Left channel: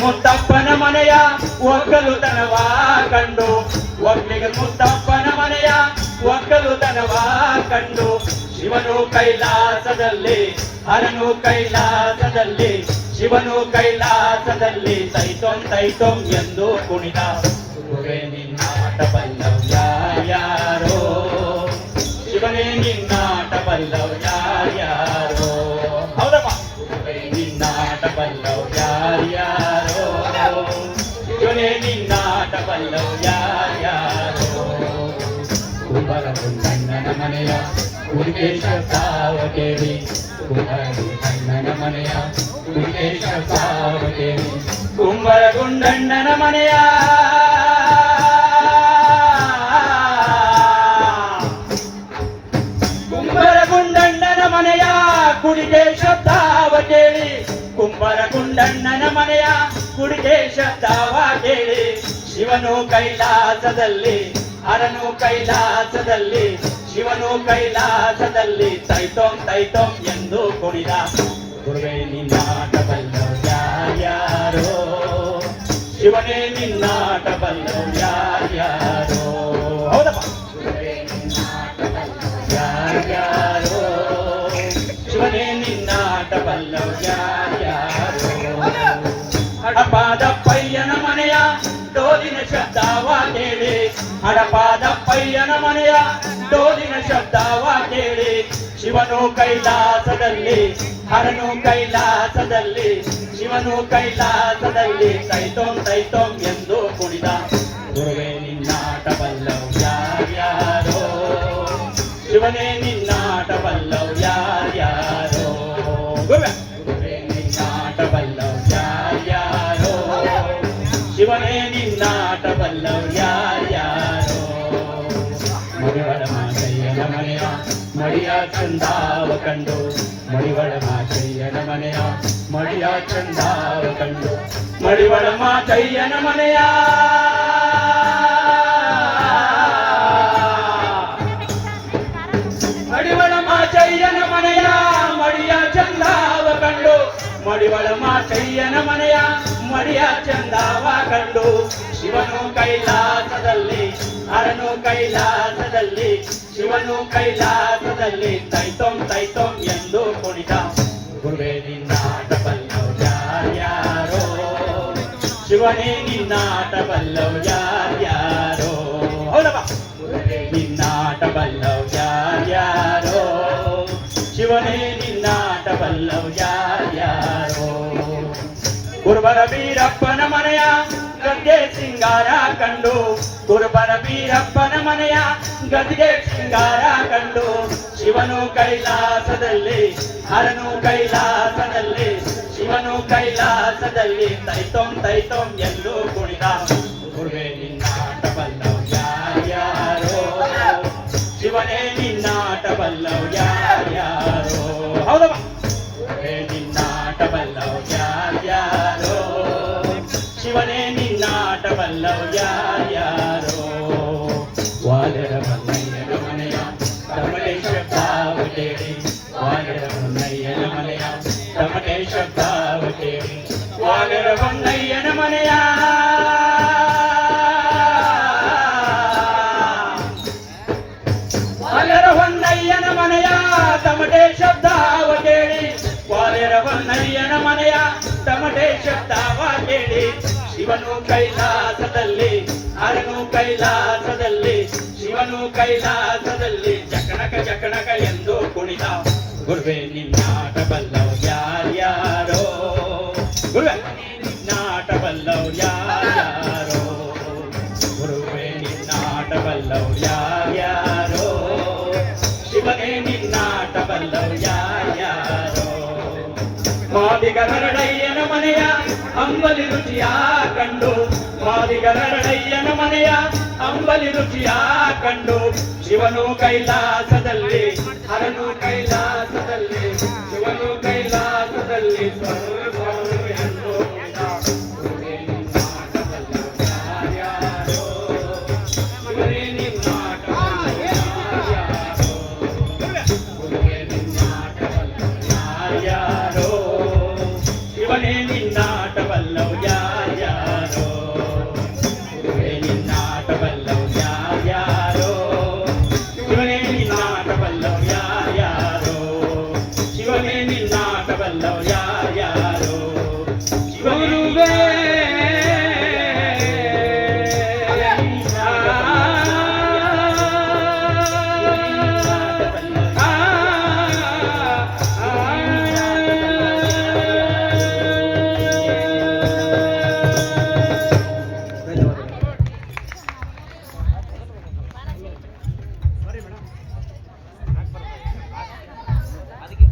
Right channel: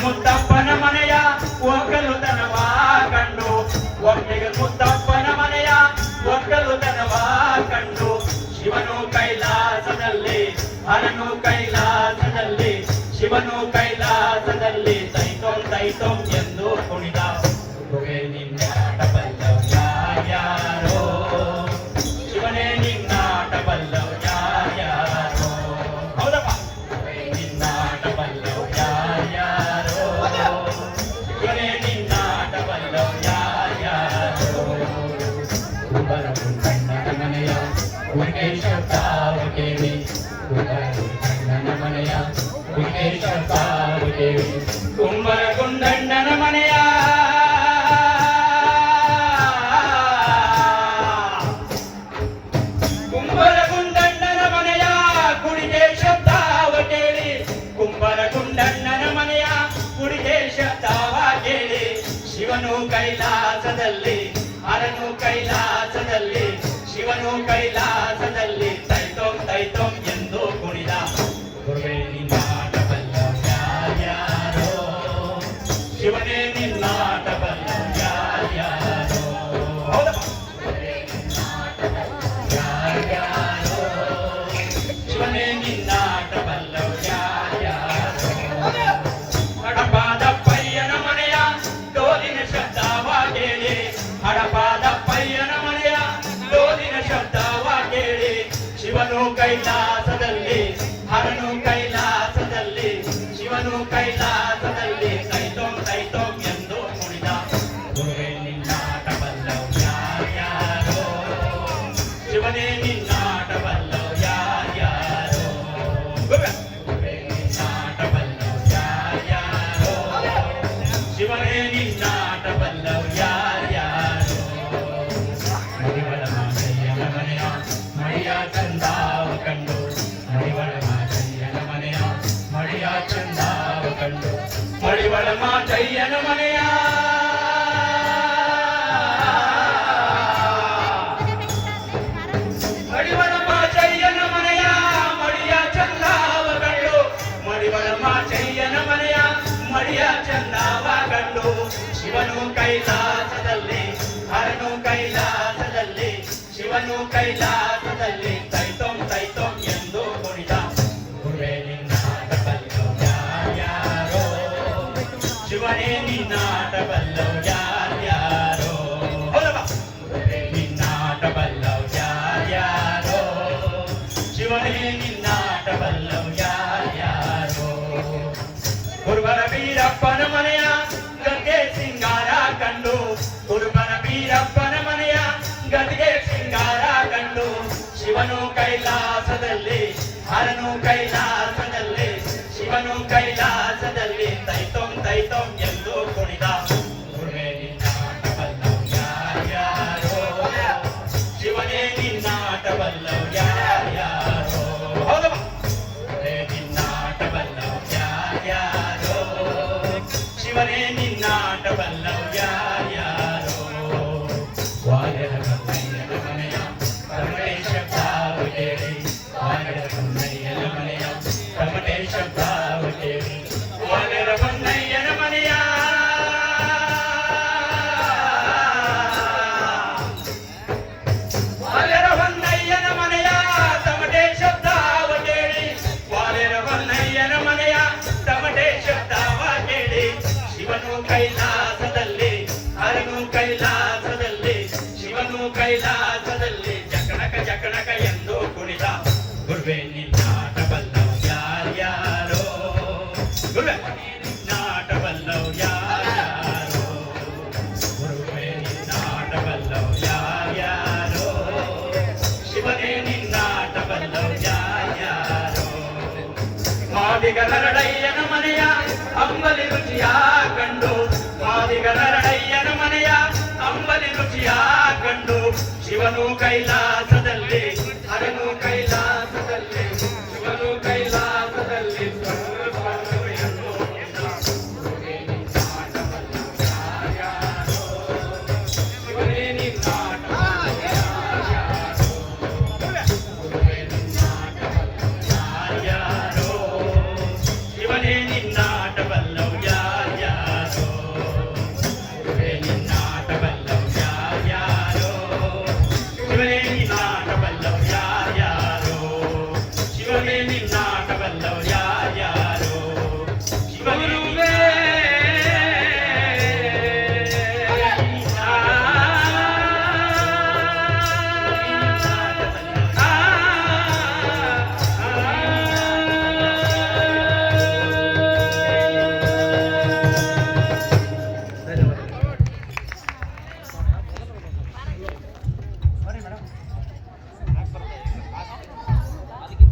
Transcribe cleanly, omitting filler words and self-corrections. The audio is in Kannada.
ಮುತ್ತಪ್ಪನ ಮನೆಯ ಒಕ್ಕಲುತನವ ಕಂಡು ಒಮ್ಮೆಗೆ ಮುತ್ತಪ್ಪನ ಮನೆಯ ಒಕ್ಕಲುತನವ ಕಂಡು ಶಿವನು ಕೈಲಾಸದಲ್ಲಿ ಹರನು ಕೈಲಾಸದಲ್ಲಿ ಶಿವನು ಕೈಲಾಸದಲ್ಲಿ ತೈತೋಂ ತೈತೋಂ ಎಂದು ಕುಣಿದ ನಿನ್ನಾಟ ಬಲ್ಲವ್ಯ ಯಾರೋ ಶಿವನೇ ನಿನ್ನಾಟ ಬಲ್ಲವ್ಯ ಯಾರೋ ಹೌದಮ್ಮ ನಿನ್ನಾಟ ಬಲ್ಲವ್ಯ ಯಾರೋ ಶಿವನೇ ನಿನ್ನಾಟ ಬಲ್ಲವ್ಯ ಯಾರೋ ಕುಂಬರ ಅಣ್ಣನ ಮನೆಯ ಮುರುಗೇಶ ತಾವ ಕೇಳಿ ಅಣ್ಣನ ಮನೆಯ ಮುರುಗೇಶ ತಾವ ಕೇಳಿ ಕುಂಬರ ಗುಂಡಣ್ಣನ ಮನೆಯ ಕುಡಿಗೆ ಶಬ್ದವ ಕೇಳಿ ಕುಂಬರ ಗುಂಡಣ್ಣನ ಮನೆಯ ಕುಡಿಗೆ ಶಬ್ದವ ಕೇಳಿ ಶಿವನು ಕೈಲಾಸದಲ್ಲಿ ಹರನು ಕೈಲಾಸದಲ್ಲಿ ಶಿವನು ಕೈಲಾಸದಲ್ಲಿ ತೈತೋಂ ತೈತೋಂ ಎಂದು ಕುಣಿದ ನಿನ್ನಾಟ ಬಲ್ಲವ್ಯ ಯಾರೋ ಶಿವನೇ ನಿನ್ನಾಟ ಬಲ್ಲವ್ಯ ಯಾರೋ ಹಡಪಾದಪ್ಪಯ್ಯನ ಮನೆಯ ಡೋಲಿನ ಶಬ್ದವ ಕೇಳಿ ಹಡಪಾದಪ್ಪಯ್ಯನ ಮನೆಯ ಡೋಲಿನ ಶಬ್ದವ ಕೇಳಿ ಶಿವನು ಕೈಲಾಸದಲ್ಲಿ ಹರನು ಕೈಲಾಸದಲ್ಲಿ ಶಿವನು ಕೈಲಾಸದಲ್ಲಿ ತೈತೋಂ ತೈತೋಂ ಎಂದು ಕುಣಿದ ಗುರುವೇ ನಿನ್ನಾಟ ಬಲ್ಲವ್ಯ ಯಾರೋ ಶಿವನೇ ನಿನ್ನಾಟ ಬಲ್ಲವ್ಯ ಯಾರೋ ಶಿವನೇ ನಿನ್ನಾಟ ಬಲ್ಲವ್ಯ ಯಾರೋ ಮಡಿವಳ ಮಾಚಯ್ಯನ ಮನೆಯ ಮಡಿಯ ಚಂದಾವ ಕಂಡು ಮಡಿವಳ ಮಾಚಯ್ಯನ ಮನೆಯ ಮಡಿಯ ಚಂದಾವ ಕಂಡು ಮಡಿವಳ ಮಾಚಯ್ಯನ ಮನೆಯ ಮಡಿವಳ ಮಾಚಯ್ಯನ ಮನೆಯ ಮಡಿಯ ಚಂದಾವ ಕಂಡು ಮಡಿವಳ ಮಾಚಯ್ಯನ ಮನೆಯ ಮಡಿಯ ಚಂದವ ಕಂಡು ಶಿವನು ಕೈಲಾಸದಲ್ಲಿ ಹರನು ಕೈಲಾಸದಲ್ಲಿ ಶಿವನು ಕೈಲಾಸದಲ್ಲಿ ತೈತೋಂ ತೈತೋಂ ಎಂದು ಕುಣಿದ ಗುರುವೇ ನಿನ್ನಾಟ ಬಲ್ಲವ್ಯ ಯಾರೋ ಶಿವನೇ ನಿನ್ನಾಟ ಬಲ್ಲವ್ಯ ಯಾರೋ ಗುರುವೇ ನಿನ್ನಾಟ ಬಲ್ಲವ್ಯ ಯಾರೋ ಶಿವನೇ ನಿನ್ನಾಟ ಬಲ್ಲವ್ಯ ಯಾರೋ ಗುರುಬರ ವೀರಪ್ಪನ ಮನೆಯ ಗದ್ಗೆ ಸಿಂಗಾರ ಕಂಡು ಗುರುಬರ ವೀರಪ್ಪನ ಮನೆಯ ಗದ್ಗೆ ಸಿಂಗಾರ ಕಂಡು ಶಿವನು ಕೈಲಾಸದಲ್ಲಿ ಹರನು ಕೈಲಾಸದಲ್ಲಿ ಶಿವನು ಕೈಲಾಸದಲ್ಲಿ ತೈತೋಂ ತೈತೋಂ ಎಂದು ಕುಣಿದ ಗುರುವೇ ನಿನ್ನಾಟ ಬಲ್ಲವ್ಯ ಯಾರೋ ಶಿವನೇ ನಿನ್ನಾಟ ಬಲ್ಲವ್ಯ ಯಾರೋ ಹೌದಮ್ಮ ನಿನ್ನಾಟ ಬಲ್ಲವ್ಯ ಯಾರೋ ಶಿವನೇ ನಿನ್ನಾಟ ಬಲ್ಲವ್ಯ ಯಾರೋ ವಾದರ ಮಲ್ಲಯ್ಯನ ಮನೆಯ ರಮಣೇಶ ಭಾವ ಕೇಳಿ ವಾದರ ಮಲ್ಲಯ್ಯನ ಮನೆಯ ರಮಣೇಶ ಭಾವ ಕೇಳಿ ವಾದರ ಮಲ್ಲಯ್ಯನ ಮನೆಯ ವಾದರ ಹೊನ್ನಯ್ಯನ ಮನೆಯ ತಮಟೆ ಶಬ್ದ ಶಿವನು ಕೈಲಾಸದಲ್ಲಿ ಹರನು ಕೈಲಾಸದಲ್ಲಿ ಶಿವನು ಕೈಲಾಸದಲ್ಲಿ ಜಕಣಕ ಜಕಣಕ ಎಂದು ಕುಣಿತ ಗುರುವೇ ನಿನ್ನಾಟವಲ್ಲವು ಯಾರ್ಯಾರೋ ಗುರುವೇ ನಿನ್ನಾಟವಲ್ಲವು ಯಾರ್ಯಾರೋ ಗುರುವೇ ನಿನ್ನಾಟವಲ್ಲವು ಯಾರ್ಯಾರೋ ಶಿವನೇ ನಿನ್ನಾಟವಲ್ಲವು ಯಾರ್ಯಾರೋ ಮಾದಿಗರಡಯ್ಯನ ಮನೆಯ ಅಂಬಲಿ ರುಚಿಯ ಕಂಡು ಮಾದಿಗರಡಯ್ಯನ ಮನೆಯ ಅಂಬಲಿ ರುಚಿಯ ಕಂಡು ಶಿವನು ಕೈಲಾಸದಲ್ಲಿ ಹರನು ಕೈಲಾಸದಲ್ಲಿ ಶಿವನು ಕೈಲಾಸದಲ್ಲಿ